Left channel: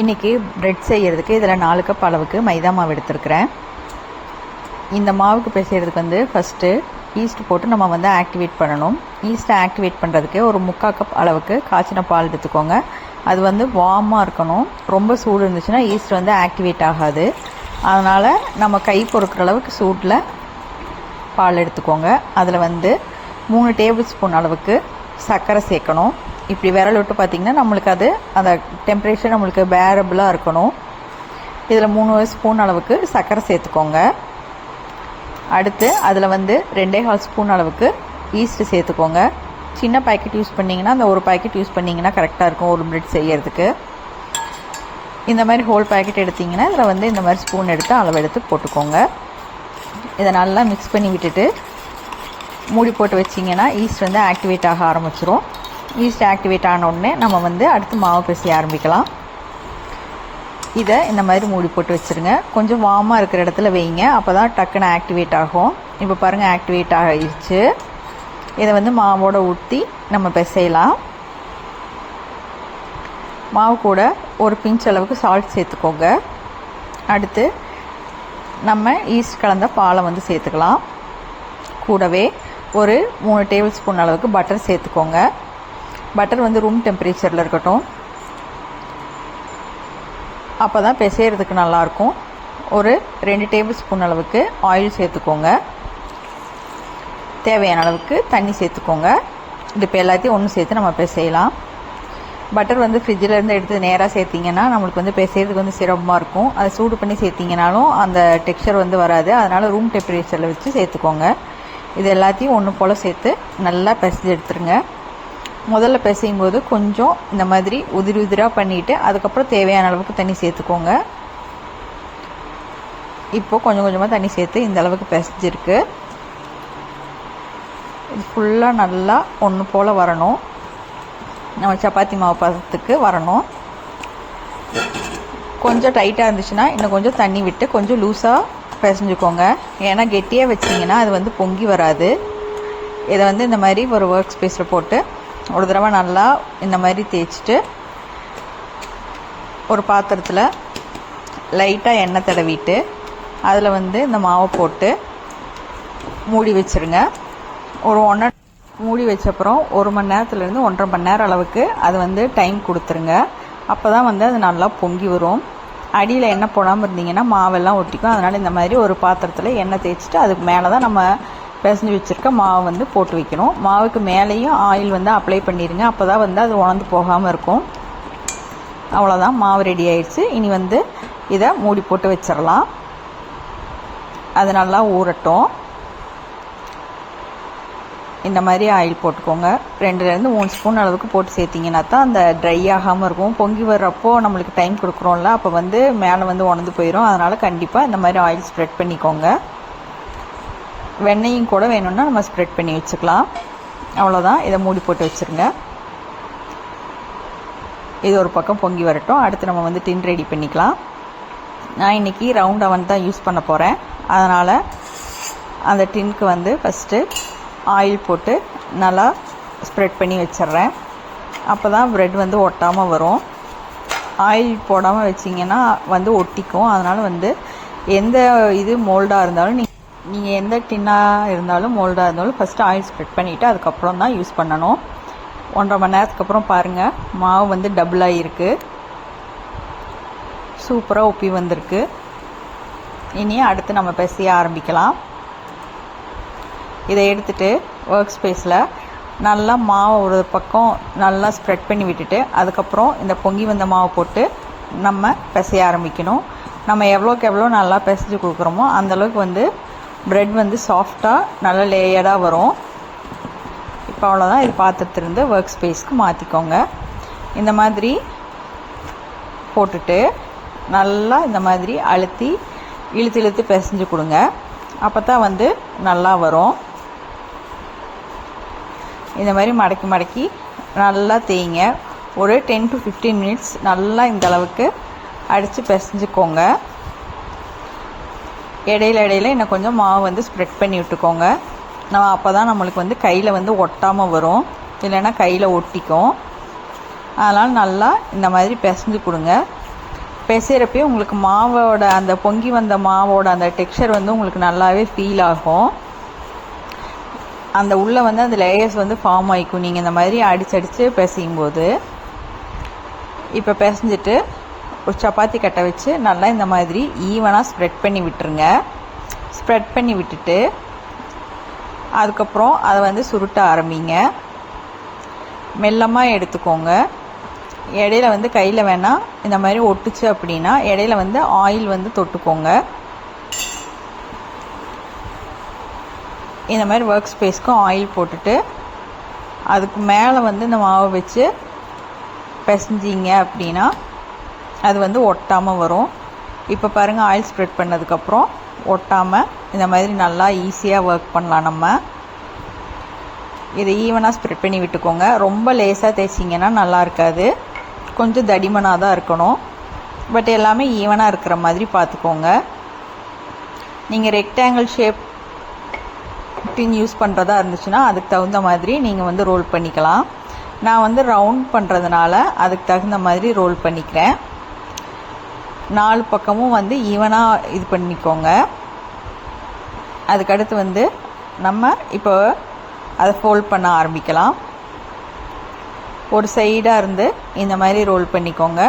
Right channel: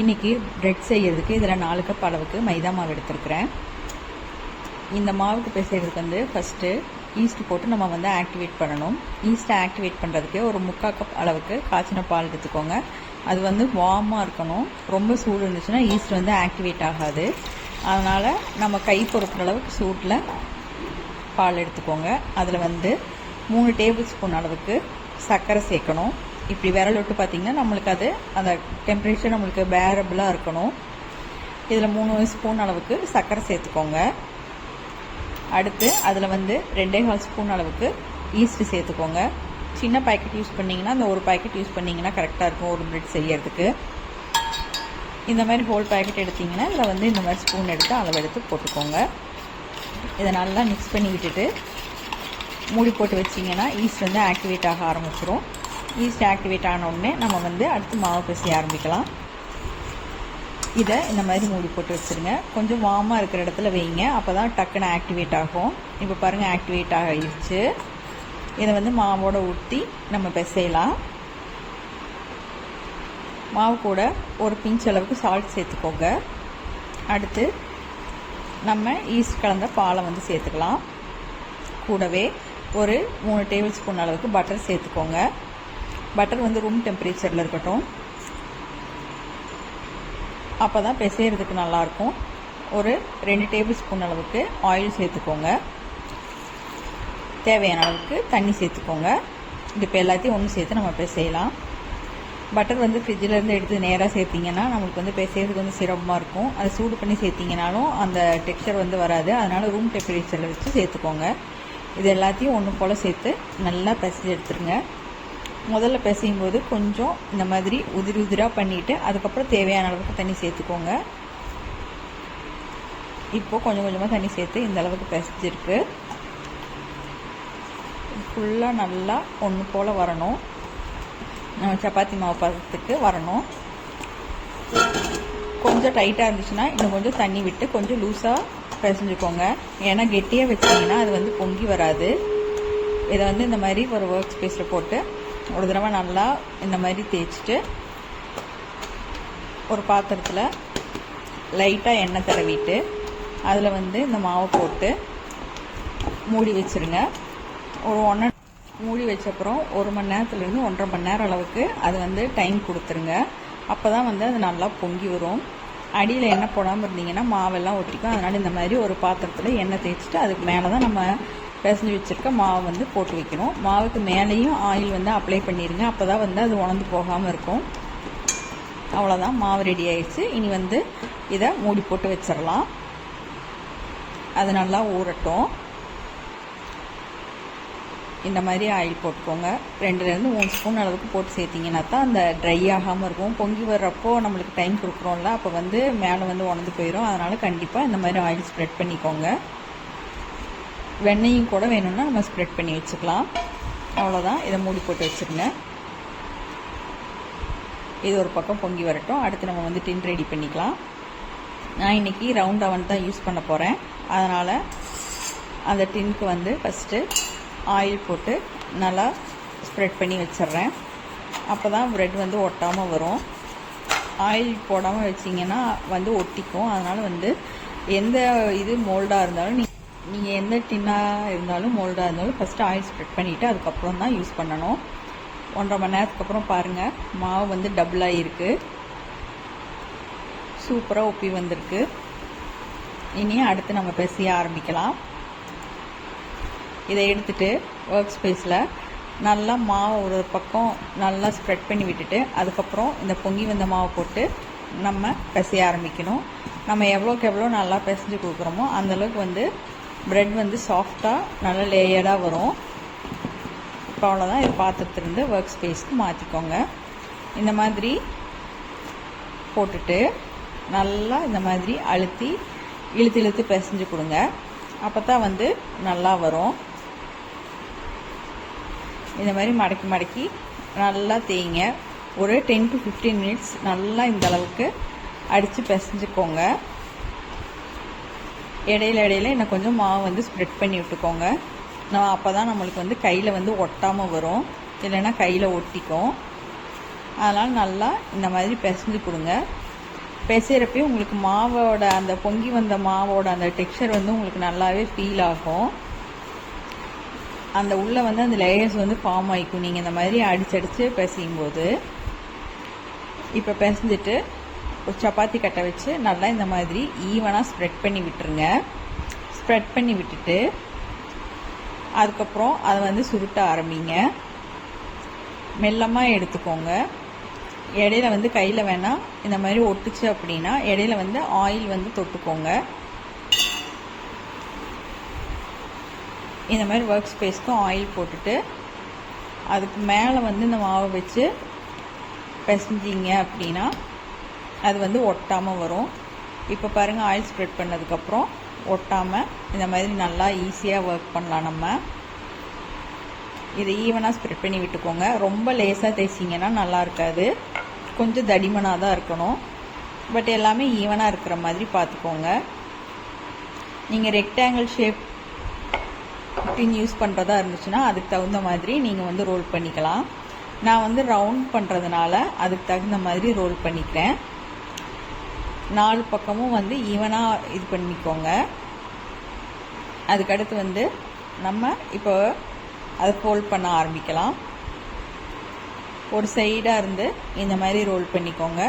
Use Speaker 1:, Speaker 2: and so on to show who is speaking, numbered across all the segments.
Speaker 1: இன்றைக்கி ப்ரெட் செய்கிறதுக்கு இதில் நாலு கப் அளவுக்கு மைதா மாவு எடுத்துருக்கிறேன். இந்த மாவுக்கு பிசைகிறதுக்கு வந்து ஃபஸ்ட்டு ஈஸ்ட் போட்டு நம்ம வந்து ஆக்டிவேட் பண்ணணும். ஈஸ்ட்டை ஆக்டிவேட் பண்ணுறதுக்கு ஒரு முக்கால் கப் அளவுக்கு காய்ச்சின பால் எடுத்துக்கோங்க. அது வந்து வார்மாக இருக்கணும். ரொம்ப சூடு இருந்துச்சுன்னா ஈஸ்ட் வந்து ஆக்டிவேட் ஆகாது. அதனால் நம்ம கை பொறுக்கிற அளவுக்கு சூட்டில் பால் எடுத்துக்கோங்க. அதில் வந்து மூணு டேபிள் ஸ்பூன் அளவுக்கு சர்க்கரை சேர்க்கணும். இப்படி விரல் விட்டு பார்த்திங்கன்னா நம்மளுக்கு அது அந்த டெம்பரேச்சர் நம்மளுக்கு பேரபிளாக இருக்கணும். இதில் மூணு ஸ்பூன் அளவுக்கு சர்க்கரை சேர்த்துக்கோங்க. அடுத்து அதில் வந்து ரெண்டே கால் ஸ்பூன் அளவுக்கு ஈஸ்ட்டு சேர்த்துக்கோங்க. சின்ன பாக்கெட் யூஸ் பண்ணிங்கன்னா அந்த ஒரு பாக்கெட் யூஸ் பண்ணிங்கன்னா கரெக்டாக இருக்கும் ஒரு பிரெட் செய்யறதுக்கு. இந்த மாதிரி ஹோல் பாக்கெட் எடுத்திங்கன்னா இதில் வந்து இந்த மாதிரி ஸ்பூன் எடுத்து அளவு எடுத்து போட்டுக்கோங்க. இதை நல்லா மிக்ஸ் பண்ணி விட்டுட்டு மூடி போட்டு வச்சிங்கன்னா ஈஸ்ட் வந்து ஆக்டிவேட் ஆக ஆரம்பிச்சிரும். ஈஸ்ட் ஆக்டிவேட் ஆன உடனே நம்ம வந்து அடுத்து மாவு பிசைய ஆரம்பிக்கலாம். இதை இந்த மாதிரி மூடி போட்டு வச்சுருங்க. கொஞ்சம் வார்மாக இருக்கிற இடத்துல வைங்க. அப்போ தான் டக்குன்னு ஆக்டிவேட் ஆகும். இப்போ பாருங்கள் ஆக்டிவேட் ஆகிடுச்சு இதை வந்து மாவோட ஊற்றி நம்ம பிசையலாம். மாவு கூட ஒரு பிஞ்ச் அளவுக்கு சால்ட் சேர்த்துக்கோங்க. அடுத்து நம்ம ஈஸ்ட் கலந்த பாலை வந்து சேர்த்துக்கலாம். கூடவே ஒரு மூணு டேபிள் ஸ்பூன் அளவுக்கு பட்டர் சேர்த்துக்கோங்க. பட்டர் வந்து ரூம் டெம்பரேச்சரில் இருக்கட்டும். அப்போ தான் பிசைகிறதுக்கு நல்லாயிருக்கும். ஒரு ரெண்டு டேபிள் ஸ்பூன் அளவுக்கு ஆயில் சேர்த்துக்கோங்க. தேவையான அளவுக்கு தண்ணி சேர்த்துக்கோங்க. இது இப்போ எல்லாத்தையும் ஒன்று சேர்த்து நம்ம பிசையலாம். பட்டர் வந்து ஃப்ரிட்ஜில் இருந்து எடுத்து நேராக சேர்த்திங்கன்னா நம்மளுக்கு வந்து பிசைகிறதுக்கு வந்து சிரமமாக இருக்கும். அதை சூடு பண்ணி சேர்த்திங்கனாலும் அந்த டெக்ஸ்சர் வந்து வராது. அதனால் ரூம் டெம்பரேச்சரில் வச்சு சேர்த்துக்கோங்க. இது எல்லாத்தையும் ஒன்று போல் சேர்த்து நல்லா பிசைஞ்சு எடுத்துருங்க. முதல்ல பிசையும் போது கொஞ்சம் இந்த மாதிரி உதிரி உதிராக பண்ணிவிட்டு அதுக்கப்புறம் தேவையான அளவுக்கு தண்ணி சேர்த்துக்கோங்க. இப்போது கொஞ்சம் கொஞ்சமாக தண்ணி சேர்த்து இந்த அளவுக்கு பிசைஞ்சிருக்கு இது ஃபுல்லாக நல்லா ஒன்று போல் வரணும். நம்ம சப்பாத்தி மாவு பதத்துக்கு வரணும். கொஞ்சம் டைட்டாக இருந்துச்சுன்னா இன்னும் கொஞ்சம் தண்ணி விட்டு கொஞ்சம் லூஸாக பிசைஞ்சுக்கோங்க. ஏன்னா கெட்டியாக வச்சிங்கன்னா அது வந்து பொங்கி வராது. இதை வந்து இந்த மாதிரி ஒரு ஒர்க் ஸ்பேஸில் போட்டு ஒரு தடவை நல்லா இந்த மாதிரி தேய்ச்சிட்டு ஒரு பாத்திரத்தில் லைட்டாக எண்ணெய் தடவிட்டு அதில் வந்து இந்த மாவை போட்டு மூடி வச்சுருங்க. ஒரு ஒன்றரை மூடி வச்சப்புறம் ஒரு மணி நேரத்துலேருந்து ஒன்றரை மணி நேரம் அளவுக்கு அது வந்து டைம் கொடுத்துருங்க. அப்போ தான் வந்து அது நல்லா பொங்கி வரும். அடியில் எண்ணெய் போடாமல் இருந்தீங்கன்னா மாவெல்லாம் ஒட்டிக்கும். அதனால் இந்த மாதிரி ஒரு பாத்திரத்தில் எண்ணெய் தேய்ச்சிட்டு அதுக்கு மேலே தான் நம்ம பிசைஞ்சு வச்சுருக்க மாவு வந்து போட்டு வைக்கணும். மாவுக்கு மேலேயும் ஆயில் வந்து அப்ளை பண்ணிடுங்க அப்போ தான் வந்து அது உணர்ந்து போகாமல் இருக்கும். அவ்வளோதான் மாவு ரெடி ஆயிடுச்சு. இனி வந்து இதை மூடி போட்டு வச்சிடலாம். அது நல்லா ஊறட்டும். இந்த மாதிரி ஆயில் போட்டுக்கோங்க. ரெண்டுலேருந்து மூணு ஸ்பூன் அளவுக்கு போட்டு சேர்த்திங்கன்னா தான் அந்த ட்ரை ஆகாமல் இருக்கும். பொங்கி வர்றப்போ நம்மளுக்கு டைம் கொடுக்குறோம்ல அப்போ வந்து மேலே வந்து உணர்ந்து போயிடும் அதனால் கண்டிப்பாக இந்த மாதிரி ஆயில் ஸ்ப்ரெட் பண்ணிக்கோங்க. வெண்ணையும் கூட வேணும்னா நம்ம ஸ்ப்ரெட் பண்ணி வச்சுக்கலாம். அவ்வளோதான் இதை மூடி போட்டு வச்சுருங்க. இது ஒரு பக்கம் பொங்கி வரட்டும். அடுத்து நம்ம வந்து டின் ரெடி பண்ணிக்கலாம். நான் இன்றைக்கி ரவுண்ட் அவன் தான் யூஸ் பண்ண போகிறேன் அதனால் அந்த டின்க்கு வந்து ஃபஸ்ட்டு ஆயில் போட்டு நல்லா ஸ்ப்ரெட் பண்ணி வச்சிட்றேன். அப்போ தான் ப்ரெட் வந்து ஒட்டாமல் வரும். ஆயில் போடாமல் வச்சிங்கன்னா வந்து ஒட்டிக்கும். அதனால் வந்து எந்த இது மோல்டாக இருந்தாலும் நீ நீங்கள் எந்த டின்னாக இருந்தாலும் மோல்டாக இருந்தாலும் ஃபஸ்ட்டு ஆயில் ஸ்ப்ரெட் பண்ணிவிட்டு அதுக்கப்புறம் தான் யூஸ் பண்ணணும். ஒன்றரை மணி நேரத்துக்கு அப்புறம் பாருங்கள் மாவு வந்து டபுளாக இருக்குது சூப்பராக ஒப்பி வந்திருக்கு. இனி அடுத்து நம்ம பிசைய ஆரம்பிக்கலாம். இதை எடுத்துகிட்டு ஒர்க் ஸ்பேஸில் நல்லா மாவை ஒரு பக்கம் நல்லா ஸ்ப்ரெட் பண்ணி விட்டுட்டு அதுக்கப்புறம் இந்த பொங்கி வந்த மாவை போட்டு நம்ம பிசைய ஆரம்பிக்கணும். நம்ம எவ்வளோக்கு எவ்வளோ நல்லா பிசைஞ்சு கொடுக்குறோமோ அந்தளவுக்கு வந்து ப்ரெட் வந்து சாஃப்டாக நல்லா லேயர்டாக வரும். இப்போ அவ்வளோதான் இது பாத்திரத்திலிருந்து ஒர்க் ஸ்பேஸ்க்கு மாற்றிக்கோங்க இந்த மாதிரி போட்டுட்டு நல்லா இந்த மாதிரி அழுத்தி இழுத்து இழுத்து பிசைஞ்சு கொடுங்க. அப்போ தான் வந்து நல்லா வரும். இந்த மாதிரி மடக்கி மடக்கி நல்லா தேய்ங்க. ஒரு டென் டு ஃபிஃப்டீன் மினிட்ஸ் நல்லா இந்த அளவுக்கு அடித்து பிசைஞ்சுக்கோங்க. இடையில இடையில இன்னும் கொஞ்சம் மாவு வந்து ஸ்ப்ரெட் பண்ணி விட்டுக்கோங்க. நான் அப்போ தான் நம்மளுக்கு வந்து கையில் வந்து ஒட்டாமல் வரும். இல்லைன்னா கையில் ஒட்டிக்கும். அதனால் நல்லா இந்த மாதிரி பிசைஞ்சு கொடுங்க. பிசைகிறப்பையும் உங்களுக்கு மாவோட அந்த பொங்கி வந்த மாவோட அந்த டெக்ஸ்சர் வந்து உங்களுக்கு நல்லாவே ஃபீல் ஆகும். அந்த உள்ளே வந்து அந்த லேயர்ஸ் வந்து ஃபார்ம் ஆகிக்கும் நீங்கள் இந்த மாதிரி அடிச்சு அடித்து பிசையும் போது இப்போ பிசைஞ்சிட்டு ஒரு சப்பாத்தி கட்டை வச்சு நல்லா இந்த மாதிரி ஈவனாக ஸ்ப்ரெட் பண்ணி விட்டுருங்க. ஸ்ப்ரெட் பண்ணி விட்டுட்டு அதுக்கப்புறம் அதை வந்து சுருட்ட ஆரம்பிங்க. மெல்லமாக எடுத்துக்கோங்க. இடையில வந்து கையில் வேணால் இந்த மாதிரி ஒட்டுச்சு அப்படின்னா இடையில வந்து ஆயில் வந்து தொட்டுக்கோங்க. இந்த மாதிரி ஒர்க் ஸ்பேஸ்க்கும் ஆயில் போட்டுட்டு அதுக்கு மேலே வந்து இந்த மாவை வச்சு பிசைஞ்சிங்க அப்படின்னா அது வந்து ஒட்டாமல் வரும். இப்போ பாருங்கள் ஆயில் ஸ்ப்ரெட் பண்ணதுக்கப்புறம் ஒட்டாமல் இந்த மாதிரி நல்லா ஈஸியாக ஒர்க் பண்ணலாம் நம்ம. இதை ஈவனாக ஸ்ப்ரெட் பண்ணி விட்டுக்கோங்க. ரொம்ப லேசாக தேய்ச்சிங்கன்னா நல்லா இருக்காது. கொஞ்சம் தடிமனாக தான் இருக்கணும். பட் எல்லாமே ஈவனாக இருக்கிற மாதிரி பார்த்துக்கோங்க. நீங்கள் ரெக்டாங்கிள் ஷேப் டின் யூஸ் பண்ணுறதா இருந்துச்சுன்னா அதுக்கு தகுந்த மாதிரி நீங்கள் வந்து ரோல் பண்ணிக்கலாம். நான் வந்து ரவுண்ட் பண்ணுறதுனால அதுக்கு தகுந்த மாதிரி ரோல் பண்ணிக்கிறேன். நாலு பக்கமும் வந்து ஈவனாக இது பண்ணிக்கோங்க. அதுக்கடுத்து வந்து நம்ம இப்போ அதை ஃபோல்ட் பண்ண ஆரம்பிக்கலாம். ஒரு சைடாக இருந்து இந்த மாதிரி ரோல் பண்ணிக்கோங்க.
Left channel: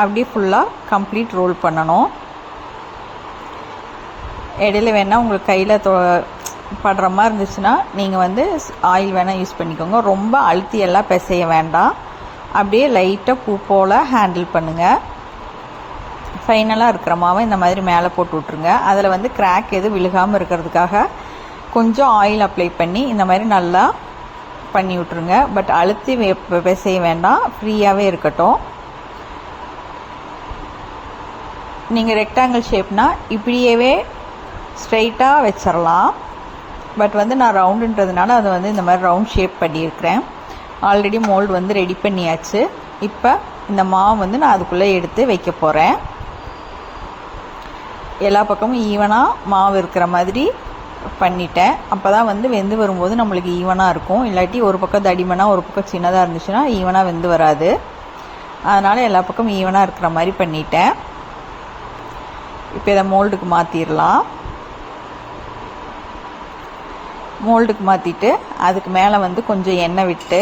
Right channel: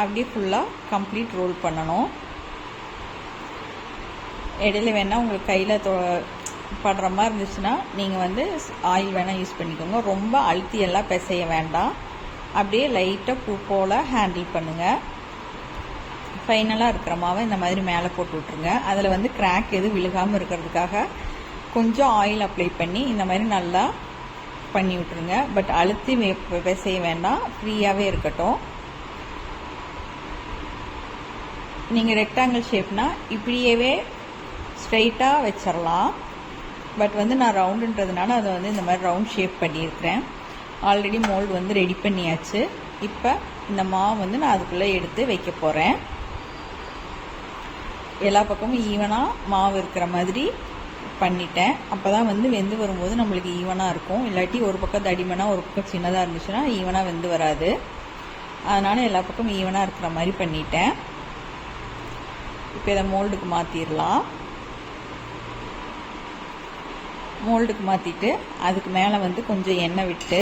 Speaker 1: அப்படியே ஃபுல்லாக கம்ப்ளீட் ரோல் பண்ணணும். இடையில வேணால் உங்களுக்கு கையில் தொ படுற மாதிரி இருந்துச்சுன்னா நீங்கள் வந்து ஆயில் வேணால் யூஸ் பண்ணிக்கோங்க. ரொம்ப அழுத்தி எல்லாம் பிசைய வேண்டாம். அப்படியே லைட்டாக பூ போல் ஹேண்டில் பண்ணுங்கள் ஃபைனலாக இருக்கிற மாவை இந்த மாதிரி மேலே போட்டு விட்ருங்க அதில் வந்து கிராக் எதுவும் விழுகாமல் இருக்கிறதுக்காக கொஞ்சம் ஆயில் அப்ளை பண்ணி இந்த மாதிரி நல்லா பண்ணி விட்ருங்க பட் அழுத்தி பிசைய வேண்டாம். ஃப்ரீயாகவே இருக்கட்டும். நீங்கள் ரெக்டாங்கிள் ஷேப்னால் இப்படியவே ஸ்ட்ரைட்டாக வச்சிடலாம் பட் வந்து நான் ரவுண்டுன்றதுனால அதை வந்து இந்த மாதிரி ரவுண்ட் ஷேப் பண்ணியிருக்கிறேன். ஆல்ரெடி மோல்டு வந்து ரெடி பண்ணியாச்சு. இப்போ இந்த மாவு வந்து நான் அதுக்குள்ளே எடுத்து வைக்க போகிறேன் எல்லா பக்கமும் ஈவனாக மாவு இருக்கிற மாதிரி பண்ணிட்டேன். அப்போ தான் வந்து வெந்து வரும்போது நம்மளுக்கு ஈவனாக இருக்கும். இல்லாட்டி ஒரு பக்கம் தடிமனாக ஒரு பக்கம் சின்னதாக இருந்துச்சுன்னா ஈவனாக வெந்து வராது. அதனால் எல்லா பக்கமும் ஈவனாக இருக்கிற மாதிரி பண்ணிட்டேன். இப்போ இதை மோல்டுக்கு மாற்றிடலாம் மோல்டுக்கு மாற்றிட்டு அதுக்கு மேலே வந்து கொஞ்சம் எண்ணெய் விட்டு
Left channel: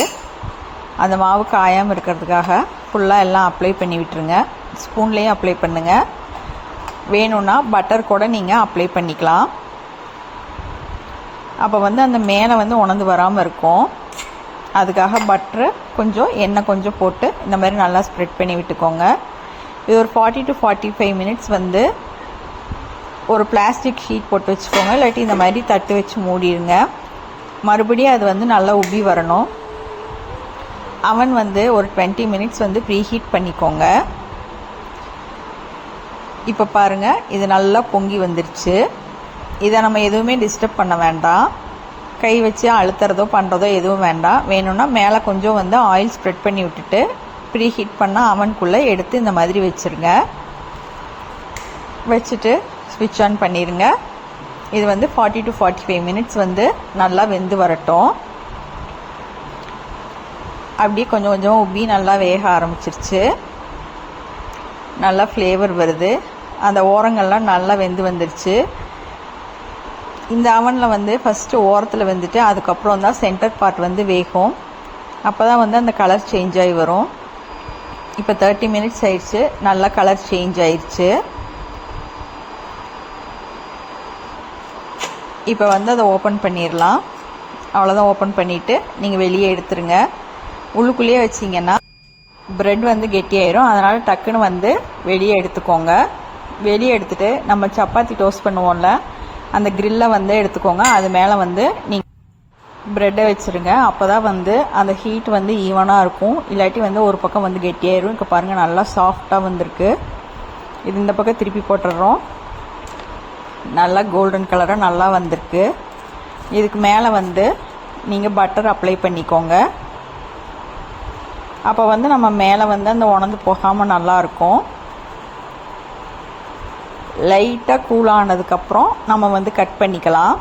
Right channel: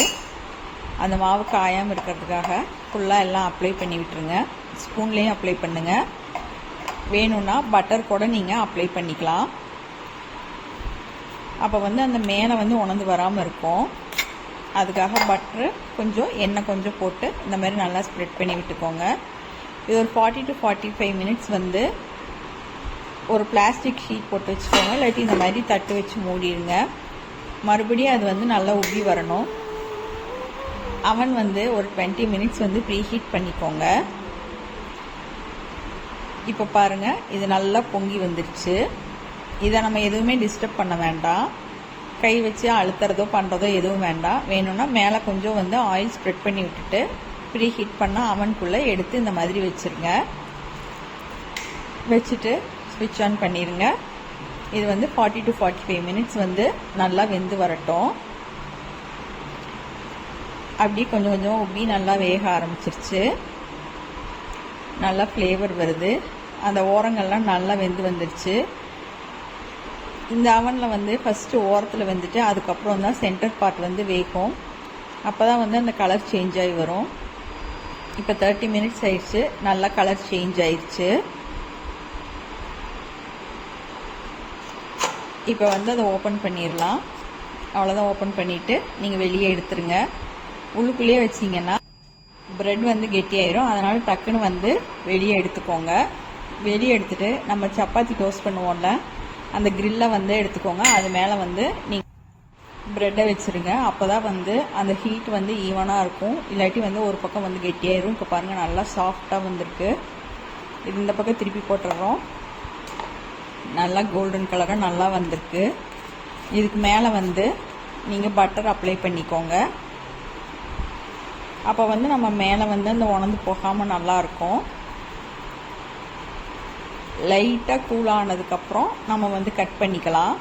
Speaker 1: அந்த மாவு காயாமல் இருக்கிறதுக்காக ஃபுல்லாக எல்லாம் அப்ளை பண்ணி விட்டுருங்க. ஸ்பூன்லேயும் அப்ளை பண்ணுங்கள் வேணும்னா பட்டர் கூட நீங்கள் அப்ளை பண்ணிக்கலாம். அப்போ வந்து அந்த மேலே வந்து உணர்ந்து வராமல் இருக்கும். அதுக்காக பட்டரு கொஞ்சம் எண்ணெய் கொஞ்சம் போட்டு இந்த மாதிரி நல்லா ஸ்ப்ரெட் பண்ணி விட்டுக்கோங்க. இது ஒரு forty to forty five minutes வந்து ஒரு பிளாஸ்டிக் ஷீட் போட்டு வச்சுக்கோங்க. இல்லாட்டி இந்த மாதிரி தட்டு வச்சு மூடிடுங்க. மறுபடியும் அது வந்து நல்லா உப்பி வரணும். அவன் வந்து ஒரு டுவெண்ட்டி மினிட்ஸ் வந்து ப்ரீ ஹீட் பண்ணிக்கோங்க. இப்போ பாருங்கள் இது நல்லா பொங்கி வந்துருச்சு. இதை நம்ம எதுவுமே டிஸ்டர்ப் பண்ண வேண்டாம். கை வச்சு அழுத்துறதோ பண்ணுறதோ எதுவும் வேண்டாம். வேணும்னா மேலே கொஞ்சம் வந்து ஆயில் ஸ்ப்ரெட் பண்ணி விட்டுட்டு ப்ரீ ஹீட் பண்ணால் அவனுக்குள்ளே எடுத்து இந்த மாதிரி வச்சுருங்க. வச்சுட்டு ஸ்விட்ச் ஆன் பண்ணிடுங்க இது வந்து forty to forty five minutes வந்து நல்லா வெந்து வரட்டும். அப்படியே கொஞ்சம் கொஞ்சம் உப்பி நல்லா வேக ஆரம்பிச்சிருச்சு. நல்லா ஃப்ளேவர் வருது. அந்த ஓரங்கள்லாம் நல்லா வெந்து வந்துருச்சு. இந்த அவனில் வந்து ஃபஸ்ட்டு ஓரத்தில் வந்துட்டு அதுக்கப்புறம் தான் சென்டர் பார்ட் வந்து வேகும். அப்போ தான் வந்து அந்த கலர் சேஞ்ச் ஆகி வரும். இப்போ தேர்ட்டி மினிட்ஸ் ஆயிடுச்சு. நல்லா கலர் சேஞ்ச் ஆயிடுச்சு இப்போ வந்து அதை ஓப்பன் பண்ணிடலாம். அவ்வளோதான் ஓப்பன் பண்ணிவிட்டு நீங்கள் வெளியே எடுத்துருங்க. உள்ளுக்குள்ளேயே வச்சிங்கன்னா ப்ரெட் வந்து கெட்டியாயிரும். அதனால் டக்குன்னு வந்து வெளியே எடுத்துக்கோங்க. வெளியே எடுத்துட்டு நம்ம சப்பாத்தி டோஸ்ட் பண்ணுவோம்ல அந்த கிரில்லை வந்து எடுத்துக்கோங்க. அது மேலே வந்து நீங்கள் ப்ரெட்டை வச்சுருங்க. அப்போ தான் வந்து அந்த ஹீட் வந்து ஈவனாக இருக்கும். இல்லாட்டி வந்து ஒரு பக்கம் வந்து கெட்டியாயிரும். இப்போ பாருங்கள் நல்லா சாஃப்டாக வந்திருக்கு. இது இந்த பக்கம் திருப்பி போட்டுடுறோம் நல்லா கோல்டன் கலராக நல்லா வந்திருக்கு. இதுக்கு மேலே வந்து நீங்கள் பட்டர் அப்ளை பண்ணிக்கோங்க. அப்போ வந்து நம்ம மேலே வந்து அந்த உணர்ந்து போகாமல் நல்லாயிருக்கும் லைட்டாக கூலானதுக்கப்புறம் நம்ம வந்து கட் பண்ணிக்கலாம்.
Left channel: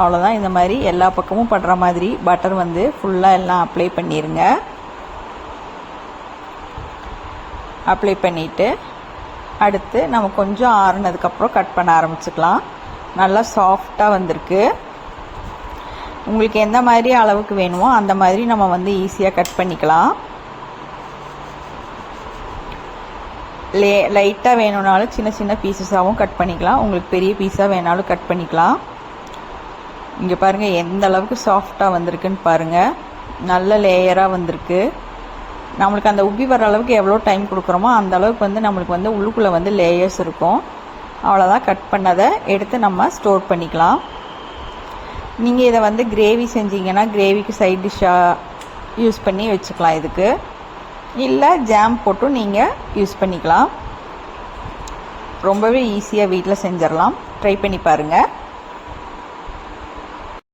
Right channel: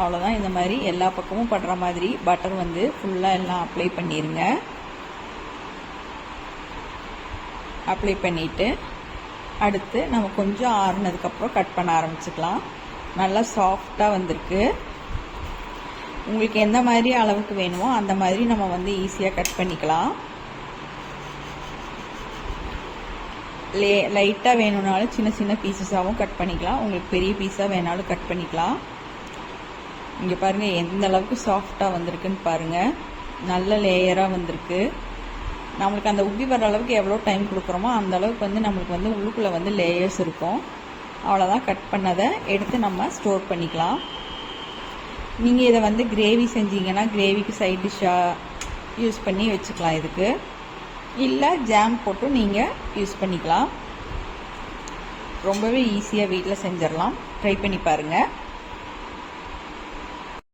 Speaker 1: அவ்வளோதான் இந்த மாதிரி எல்லா பக்கமும் படுற மாதிரி பட்டர் வந்து ஃபுல்லாக எல்லாம் அப்ளை பண்ணிடுங்க அப்ளை பண்ணிவிட்டு அடுத்து நம்ம கொஞ்சம் ஆறுனதுக்கப்புறம் கட் பண்ண ஆரம்பிச்சுக்கலாம். நல்லா சாஃப்டாக வந்திருக்கு. உங்களுக்கு எந்த மாதிரி அளவுக்கு வேணுமோ அந்த மாதிரி நம்ம வந்து ஈஸியாக கட் பண்ணிக்கலாம். லே லைட்டாக வேணும்னாலும் சின்ன சின்ன பீசஸாகவும் கட் பண்ணிக்கலாம். உங்களுக்கு பெரிய பீஸாக வேணாலும் கட் பண்ணிக்கலாம். இங்கே பாருங்கள் எந்த அளவுக்கு சாஃப்டாக வந்திருக்குன்னு பாருங்கள் நல்ல லேயராக வந்திருக்கு. நம்மளுக்கு அந்த உப்பி வர அளவுக்கு எவ்வளோ டைம் கொடுக்குறோமோ அந்த அளவுக்கு வந்து நம்மளுக்கு வந்து உள்ளுக்குள்ளே வந்து லேயர்ஸ் இருக்கும். அவ்வளோதான் கட் பண்ணதை எடுத்து நம்ம ஸ்டோர் பண்ணிக்கலாம். நீங்கள் இதை வந்து கிரேவி செஞ்சீங்கன்னா கிரேவிக்கு சைட் டிஷ்ஷாக யூஸ் பண்ணி வச்சுக்கலாம் இதுக்கு. இல்லை ஜாம் போட்டும் நீங்கள் யூஸ் பண்ணிக்கலாம். ரொம்பவே ஈஸியாக வீட்டில் செஞ்சிடலாம். ட்ரை பண்ணி பாருங்கள்